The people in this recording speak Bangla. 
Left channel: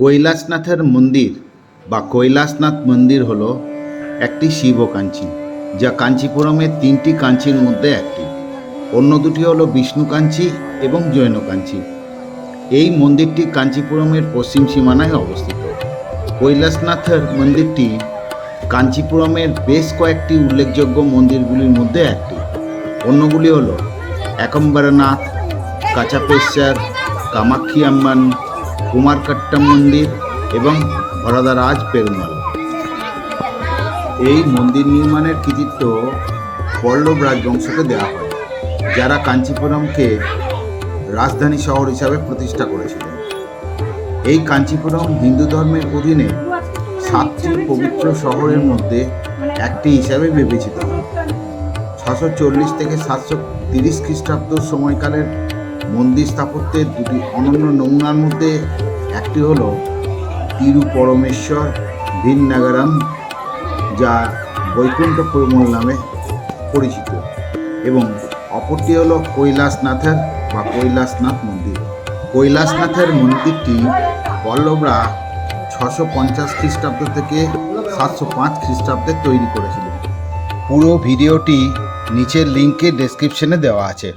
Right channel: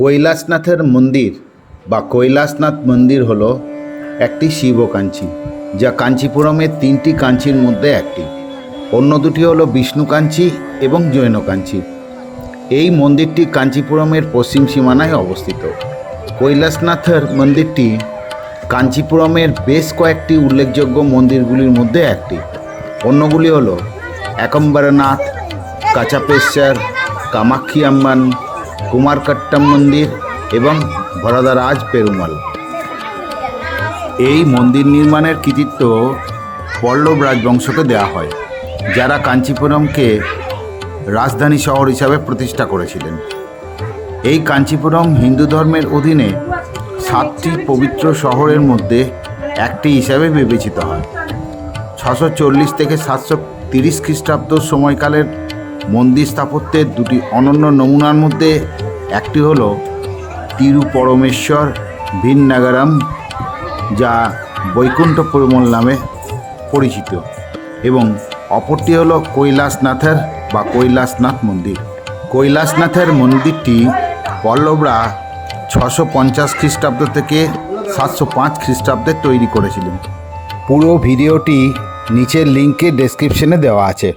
কৈলাসনাথের মন্দির বা কৈলাসনাথ মন্দির হলো একটি শিব কাঞ্চি, যা কাঞ্চিপুরমের তিনটি কাঞ্চির মধ্যে একটি। অন্য দুটি হলো বিষ্ণু কাঞ্চি এবং জৈন কাঞ্চি। এই মন্দিরটি কাঞ্চিপুরমের পশ্চিম সীমানায় অবস্থিত। কৈলাসনাথের মন্দিরটি কাঞ্চিপুরমের বেশ কয়েকটি উল্লেখযোগ্য মন্দিরগুলির মধ্যে একটি। অন্যগুলি হলো একম্বরনাথ, কাচাপেশ্বর, কামাক্ষী আম্মান, কুমারকট্টম মন্দির এবং ভরদরাজ পেরুমাল। এই মন্দির নির্মাণের কৃতিত্ব পল্লব রাজবংশকে দেওয়া হয়, যারা কাঞ্চিপুরমকে রাজধানী শহর হিসাবে প্রতিষ্ঠা করেছিলেন। এই কাঞ্চিপুরম হিন্দু ধর্মের অধীনে 7টি পবিত্র শহরের মধ্যে একটি হিসাবে বিবেচিত হয়। 640 থেকে 730 খ্রিস্টাব্দ সময়কালের মন্দির স্থাপত্যের দুটি অনন্য নমুনার মধ্যে একটি হল তিরুপরমেশ্বর ভিন্নাগারাম, যা বৈকুণ্ঠ পেরুমাল নামে পরিচিত, এবং অপরটি হল কৈলাসনাথের বা কৈলাসনাথ মন্দির। কৈলাসনাথের মন্দিরটি পল্লবরা 650 খ্রিস্টাব্দ থেকে 705 খ্রিস্টাব্দে তৈরি করেছিলেন। পুরো ভিডিওটি নিচের লিঙ্কে ডেসক্রিপশনে দেওয়া আছে।